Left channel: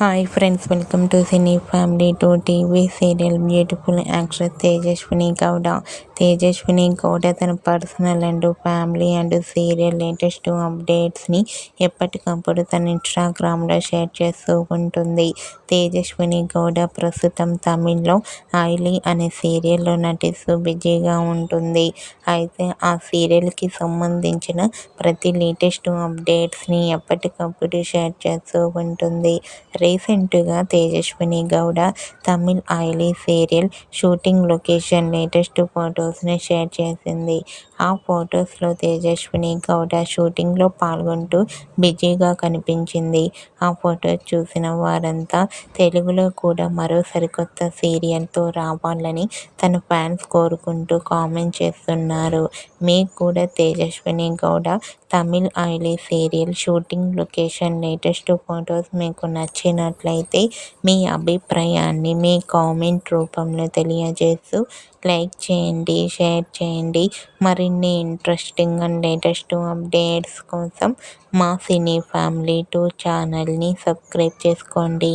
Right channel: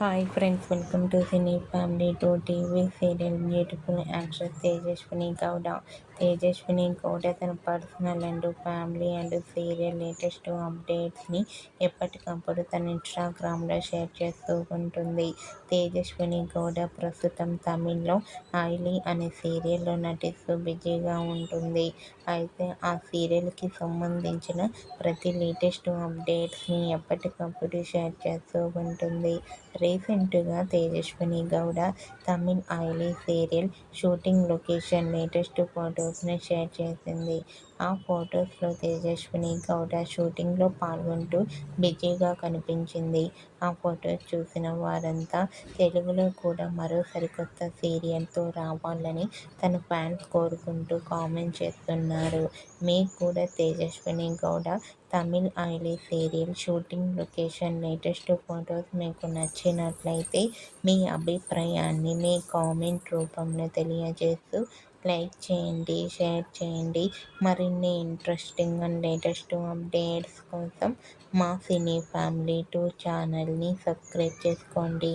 Hi friends, welcome to cine family to TV serial. Beautiful actress Tejaswini Gowda. Tejaswini Gowda తన personal and family and serial latest అప్డేట్స్ని ఎప్పటికప్పుడు తన ఇన్స్టాగ్రామ్లో share చేస్తూ ఉంటుంది. తేజస్విని గౌడ ప్రస్తుతం తమిళ్లో ఐలీ అనే సీరియల్లో నటిస్తూ బిజీగా ఉంటుంది. అయితే ఆ సీరియల్కి సంబంధించిన ప్రతి లేటెస్ట్ అప్డేట్స్ని ఎప్పటికప్పుడు షేర్ చేస్తూ ఉంటుంది. రీసెంట్గా తేజస్విని గౌడ తమిళ్ ఐలీ సీరియల్ షూటింగ్ లొకేషన్ లేటెస్ట్ ఫొటోస్ని షేర్ చేసింది. ఆ ఫొటోస్లో తేజస్విని గౌడ షూటింగ్లో పాల్గొంటూ బిజీగా కనిపించింది. ఆ ఫొటోస్ చూసిన వారంతా తెలుగులో కూడా మరో సరికొత్త సీరియల్తో రావాలని తన ఫ్యాన్స్ కోరుకుంటూ కామెంట్ చేస్తున్నారు. మీకు కూడా తేజస్విని గౌడ తమిళ్ ఐలీ serial shooting location latest photos మీకు నచ్చినట్లయితే మీ అభిప్రాయాన్ని మీ కామెంట్ రూపంలో తెలియజేస్తూ లైక్ చేయండి, షేర్ చేయండి. మరిన్ని ఇంట్రెస్టింగ్ అండ్ లేటెస్ట్ అప్డేట్స్ కోసం మా సినీ ఫ్యామిలీ 2 ఛానల్ని సబ్స్క్రైబ్ చేసుకోండి.